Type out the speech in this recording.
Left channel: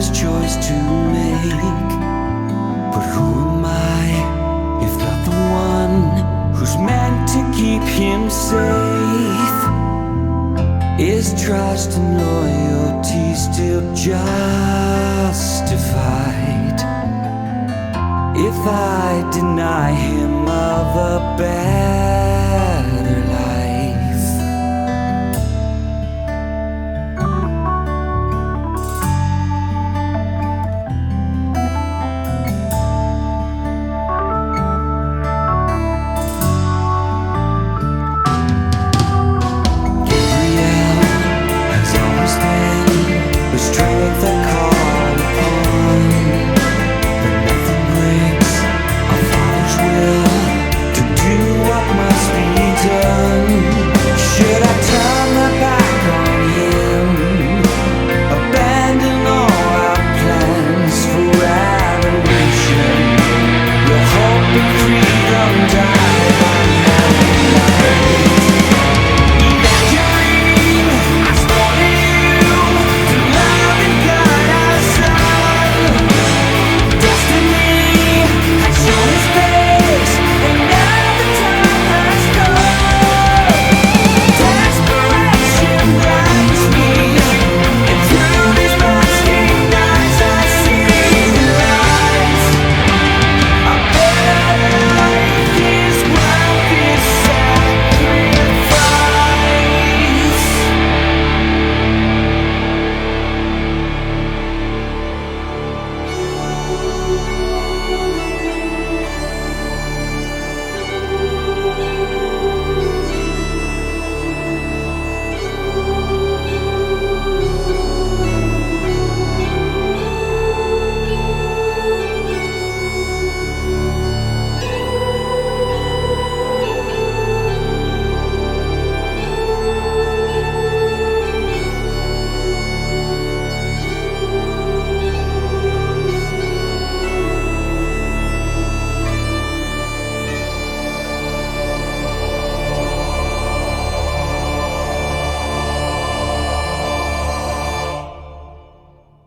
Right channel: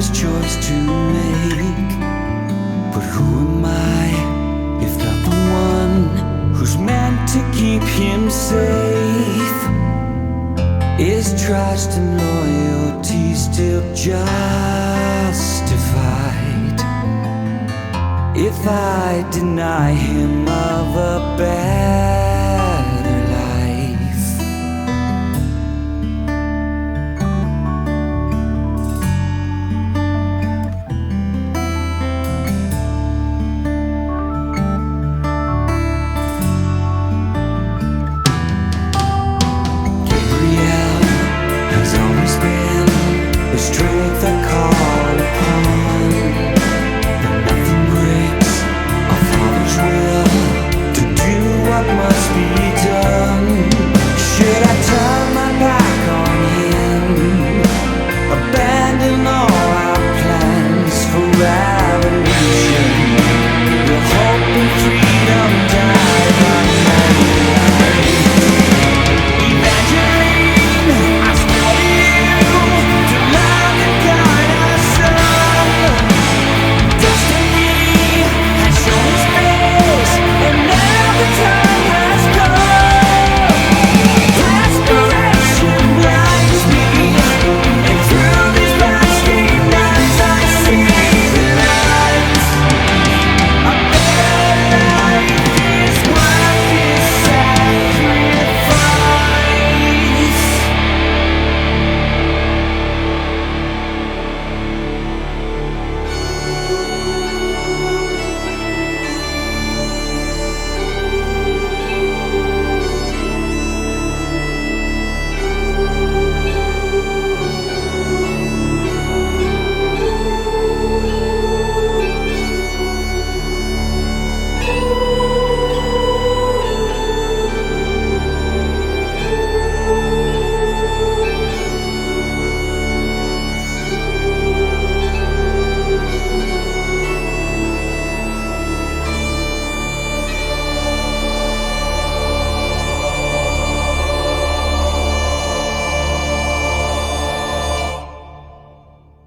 hardest choice to make. But who am I if not the one who's meant to keep him safe? Is trust and loyalty still justified if I deny him of a better life? Gabriel has always been the strength I call upon, but nothing breaks our Father's will to do what must be done. Should I turn my back on him, abandon all our plans for revolution? Will hope and freedom die?